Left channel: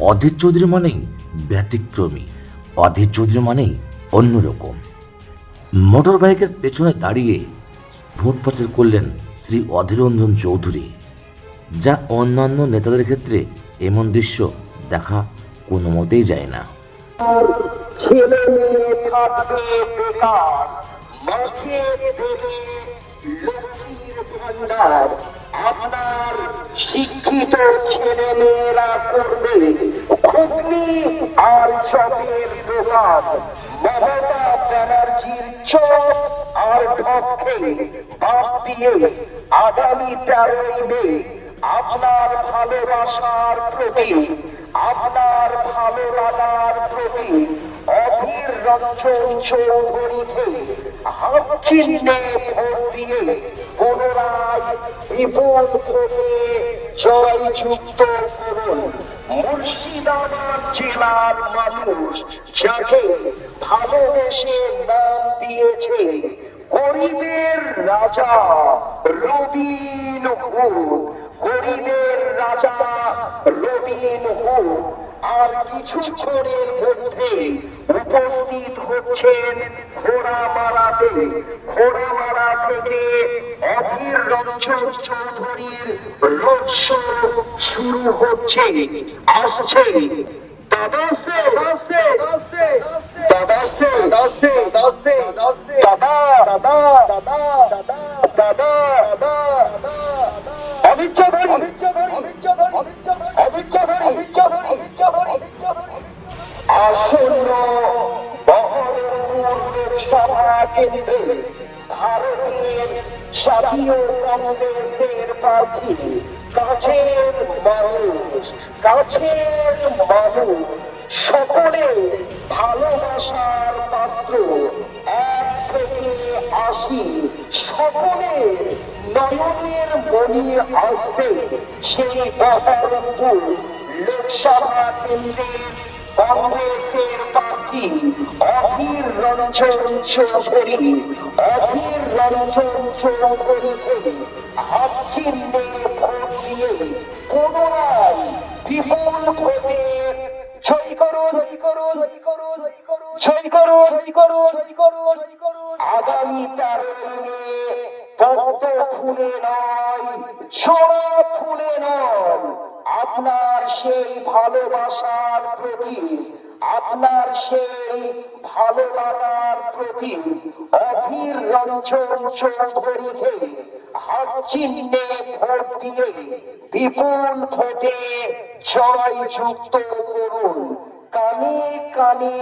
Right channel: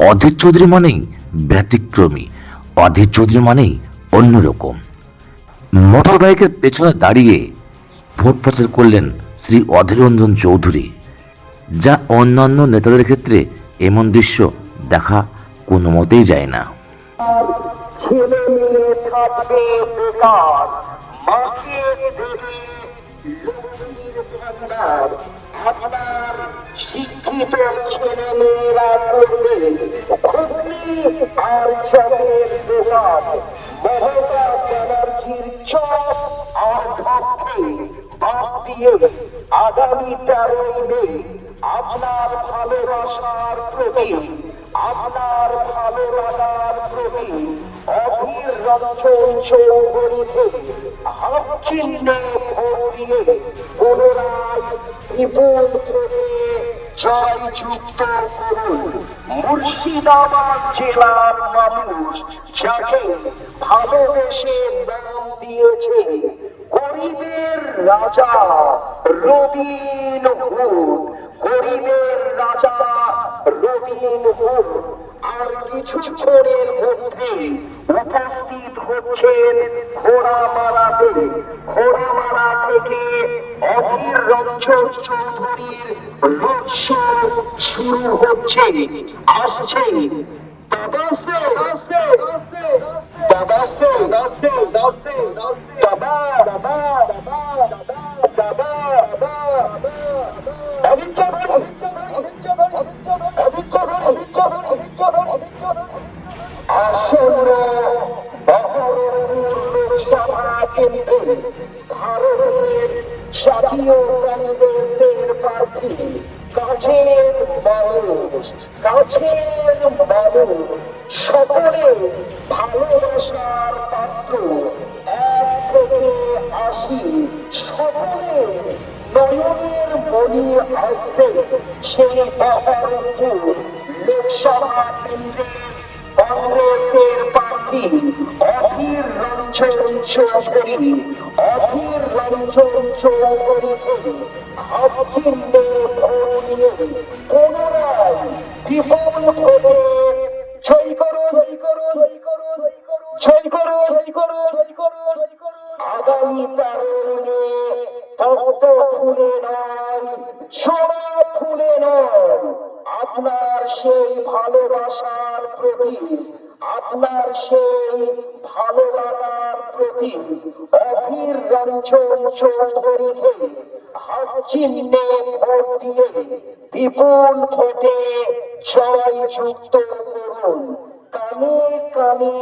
অধীর চৌধুরী মানেই ব্যতিক্রমী, অধীর চৌধুরী মানেই অন্যরকম। মোটর বাইকের পেছনে দাঁড়িয়ে ভোট প্রচার করলেন শ্রী অধীর রঞ্জন চৌধুরী, যা অন্যান্য নেতাদের ক্ষেত্রে এমন দৃশ্য দেখা কোনো মতেই যায় না। আপনার শিক্ষিত ছেলে মেয়েরা করবে। ঘুগনি আর চপের দোকান মমতা ব্যানার্জির চপ আর ঢপকে বাদ দিয়ে আগামী তেরোই মে আপনার ভালোবাসার প্রতি, আপনার ভালো লাগার প্রতি অধীর রঞ্জন চৌধুরীকে হাত চিহ্নে দিয়ে পুনরায় বিপুল থেকে জয়যুক্ত করুন। মুর্শিদাবাদ জেলার মানুষ যাকে ভালোবেসে নাম দিয়েছে গরিবের রাজা রবিন হুড গরিবের রাজা রবিন হুড আর কিছুক্ষণের মধ্যে উপস্থিত হচ্ছেন ঘোড়ামারাতে ঘোড়ামারা থেকে অধীর রঞ্জন চৌধুরীর রোড শুরু হচ্ছে আসছে কেন্দ্রে ভারতের জাতীয় কংগ্রেসের প্রার্থী কাছের মানুষ কাছের মানুষ, সকলে ভালোবাসার পাত্র, এক থেকে আশি সকলের নয়নের মনি আসছে সেই বহরমপুর লোকসভা কেন্দ্রে কংগ্রেসের প্রার্থী অধীর রঞ্জন চৌধুরী, অধীর রঞ্জন চৌধুরীকে হাতচিহ্নে ভোট দিয়ে পুনরায় বিপুল ভোটে জয় করো জয় করো জয় করো জয় করো জয় করো জয় করো জয় করো আগামী তারিখে পদ্ম ফুলে নয় ছোড়া ফুলে নয়। আপনার সেই ভালোবাসার প্রতি, আপনার সেই ভালো লাগার প্রতি অধীর রঞ্জন চৌধুরীকে হাত চিহ্নে ভোট দিয়ে বিপুল ভোটে জয় যুক্ত করুন। কানে কানে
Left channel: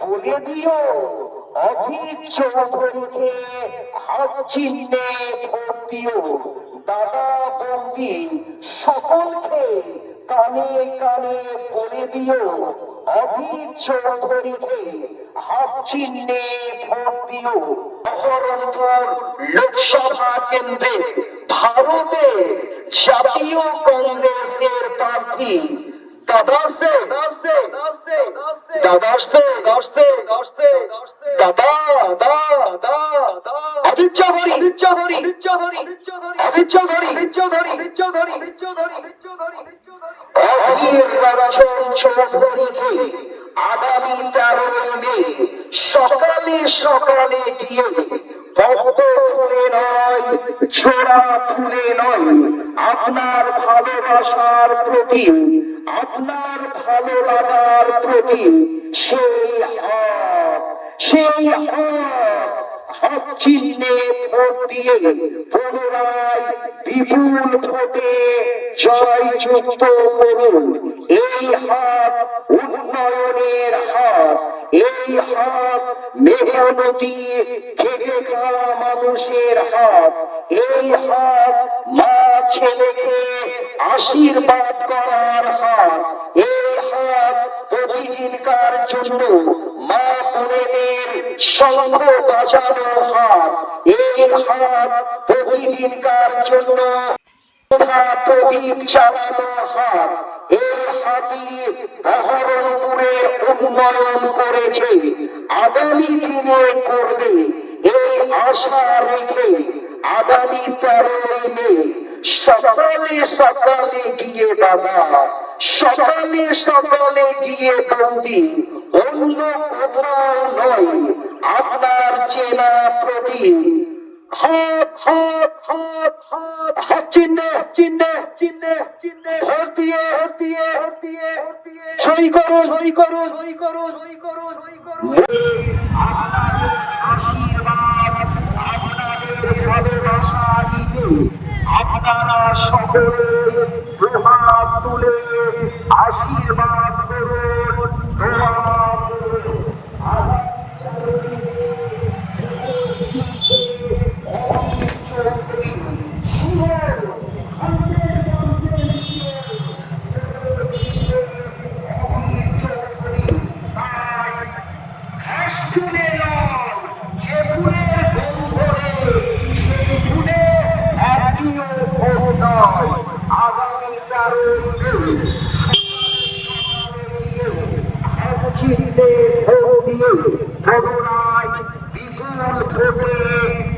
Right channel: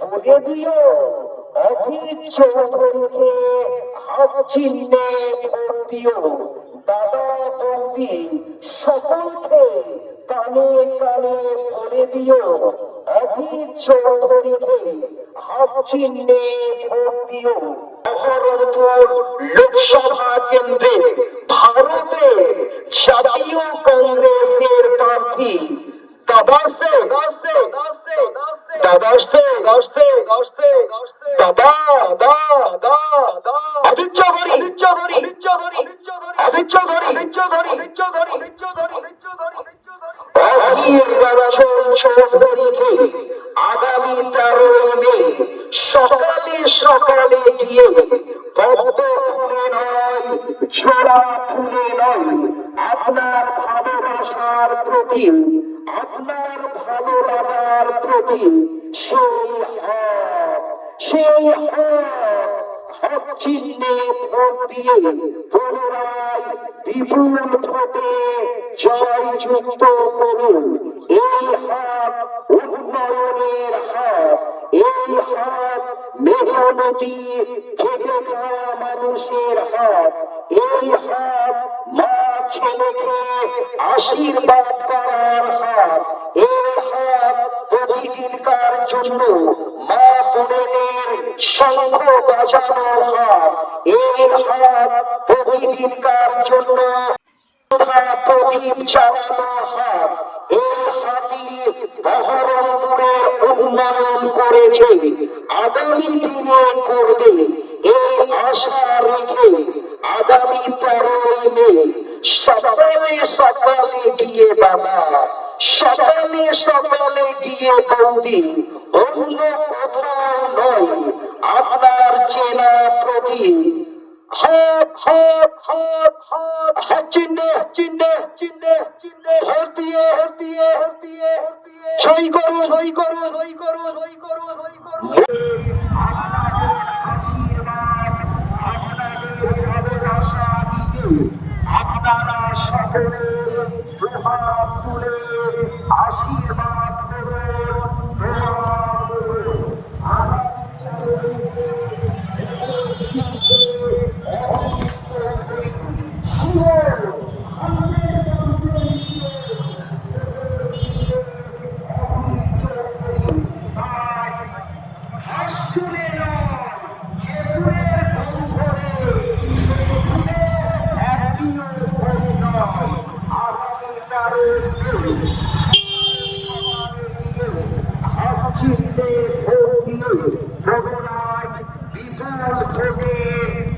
বলে দিও, অধীর চৌধুরীকে হাত চিহ্নে ভোট দিও। দাদা বৌদি সকলকে কানে কানে বলে দিও। অধীর চৌধুরীকে হাত চিহ্নে ভারতের জাতীয় কংগ্রেসের প্রার্থী দাদাসে দাদাসে দাদাসে দাদাসে দাদাসে, দাদা দাদা দাদা। আগামী তেরোই মে, সকালে সকালে গিয়ে পদ্ম ফুলে নয় ছোড়া ফুলে নয়। আপনার ভালোবাসার প্রতি, আপনার ভালো লাগার প্রতি সেই সেই চিহ্নে ভোট হাত উন্নয়নের হাত হাত মেহনতি মানুষের হাত, এই হাত মা ছেলেকে আশীর্বাদ করার হাত, এই জন্য মা বোনেদের শঙ্খ বাজানো এই হাত প্রতিদিনকার জন্য প্রদীপ চালানো হাতি বহরমপুরের উন্নয়ন করেছে, আগামী দিনে করবে, এই আশা রেখে আগামী তেরোই মে সকালে সকালে গিয়ে বাবা সকালে সকালে গিয়ে বন্দি। অন্য কোথাও নয়, আপনার চেনা প্রতি সই করো করো করো সই করো সই করো আপনারা সকলে প্রভাব তুলে আশীর্বাদ করুন প্রভাব করুন। শুনে নাও, যে ফুলের গন্ধে, সেই ফুলে একটিও ভোগ নয়। আগামী তারিখে চিনতে ভোট দিয়ে করুণায় বিপুল ভোটে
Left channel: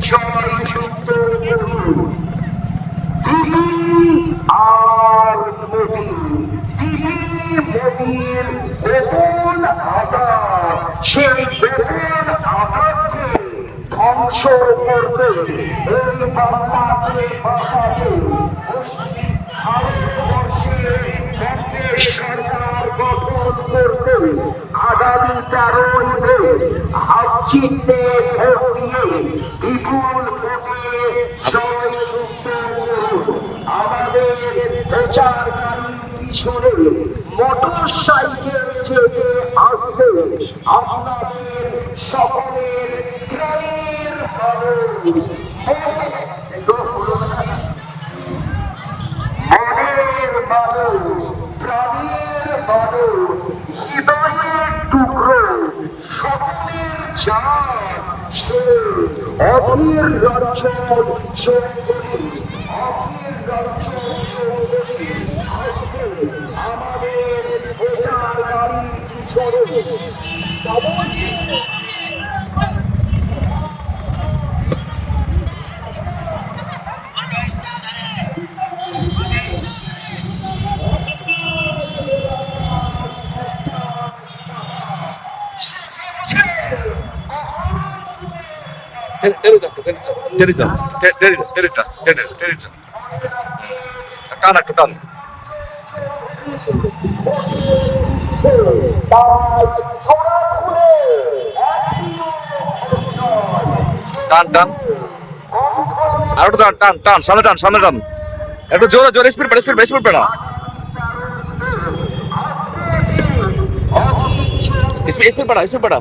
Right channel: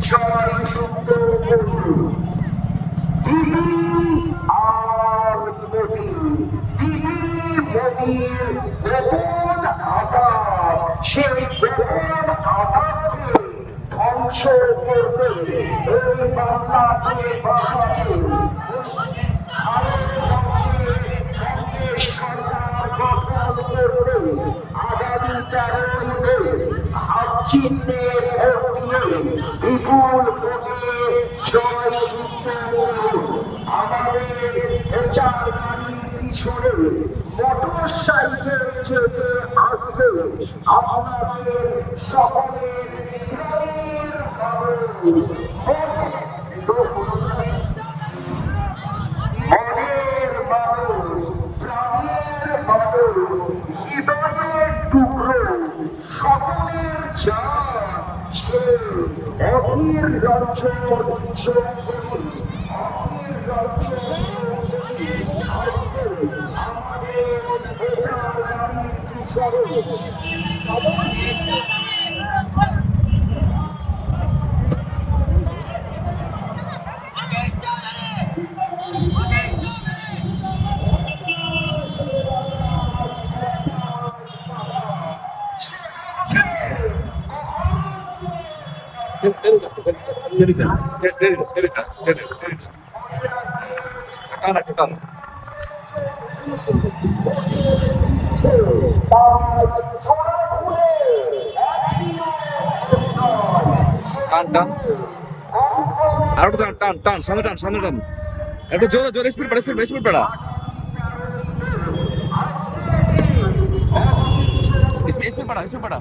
জয়যুক্ত করুন দিদি আর মোদি দিদি মোদির বেতন আঘাত সেই বেতন আঘাতকে ধ্বংস করতে এই বাংলাকে বাঁচাতে আগামী তেরোই মে চিহ্নে ভোট দিয়ে বিপুল ভোটে করুন। আমাদের প্রচারকারীর পিছনে মোটর সাইকেল চেপে আসছে আপনাদের সকলের প্রাণের কারণ মনের মানুষ প্রাণের টুকরো, স্বপ্নের চাঁদ সে অধীর চৌধুরী যান টে- টেনে যান, টেনে যান, টেনে টেনে আর একটু টান টান টান সামনে টান সামনে টান। একটু জোরে জোরে স্পিড পেড়া স্পিড স্পিড পেড়া। স্পিড পেড়া স্পিড পেড়া।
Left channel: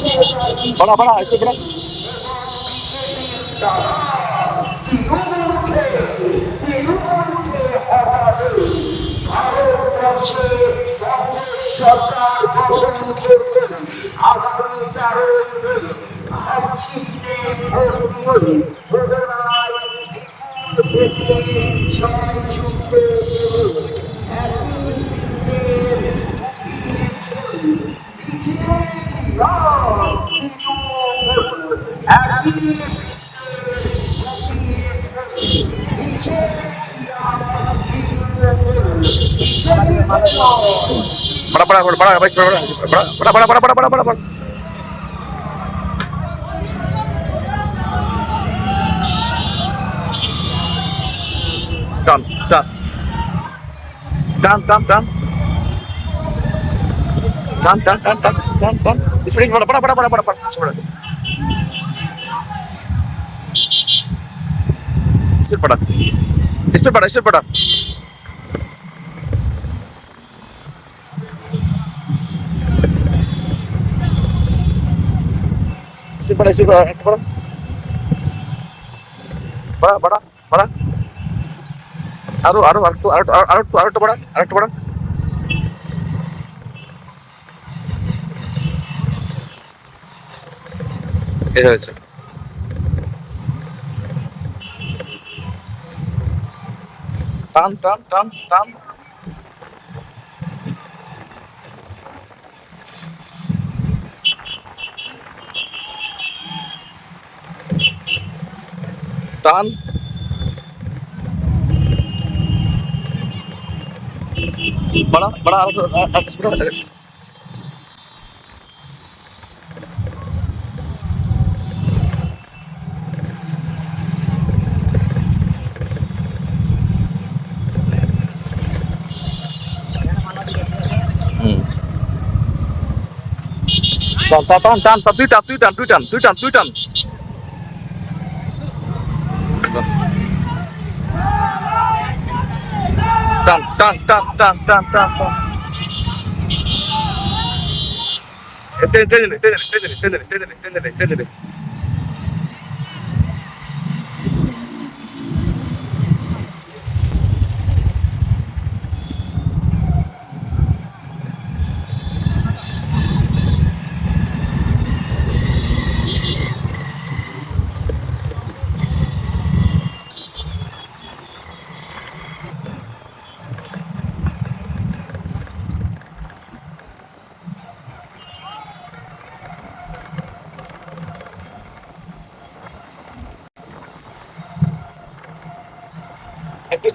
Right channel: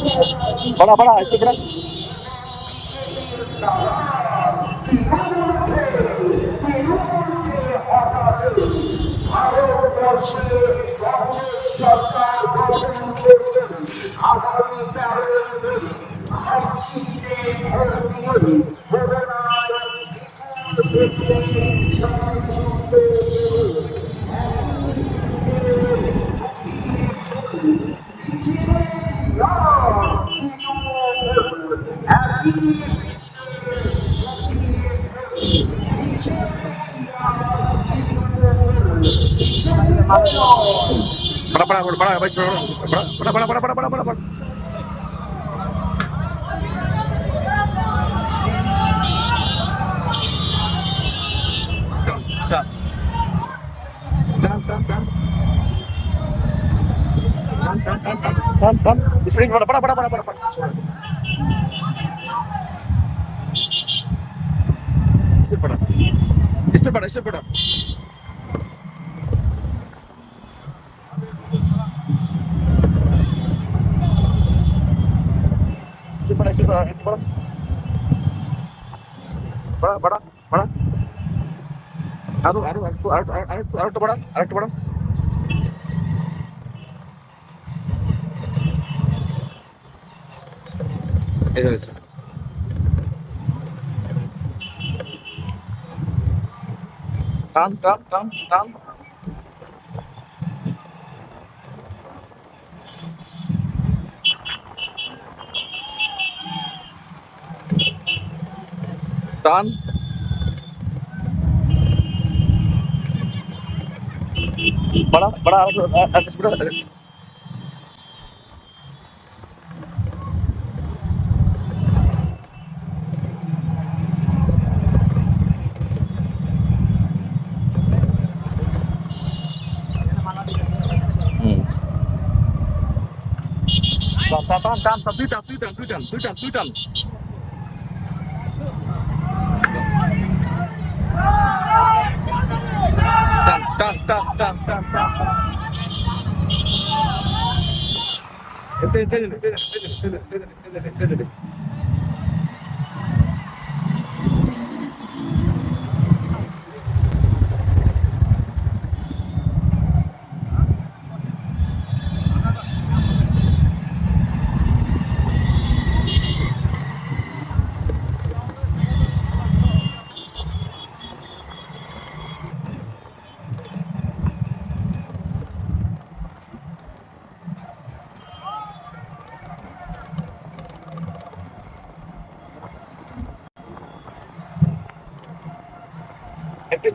बड़ा बड़ा इसको बड़ा बड़ा बड़ा बड़ा बड़ा भाई बड़ा बड़ा बड़ा बड़ा बड़ा बड़ा बड़ा बड़ा Come, come. Come, স্পিড পাঠা স্পিড পাঠা স্পিড পাঠা para eso para para para para para আরও আরও আরও আরও আরও আরও বড় আরও বড় এটা হয়েছে। টান টান টান টান টান बड़ा बड़ा টান টান টান টান তুই টান তুই টান তুই টান তুই টান তুই টান টান টান টান টান টান টান টান টেনে টেনে টেনে টেনে টেনে টেনে টেনে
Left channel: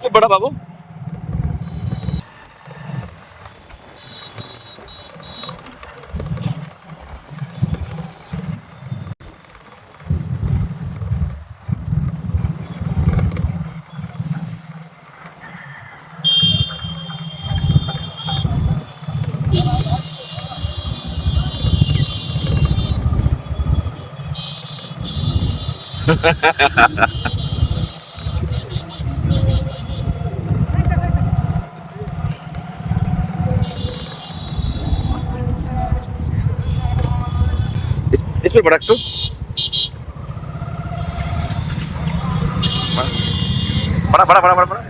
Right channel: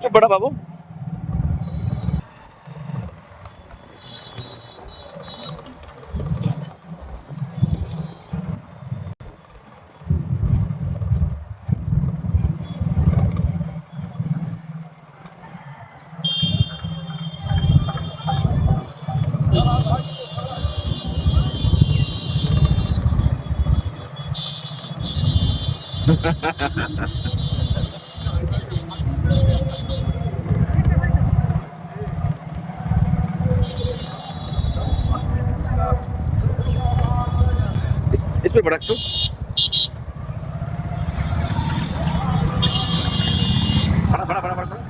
इससे बड़ा बाबू Ha Ha ha ha ha ha. Test paper একটু। পাড়া পাড়া পাড়া পাড়া পাড়া।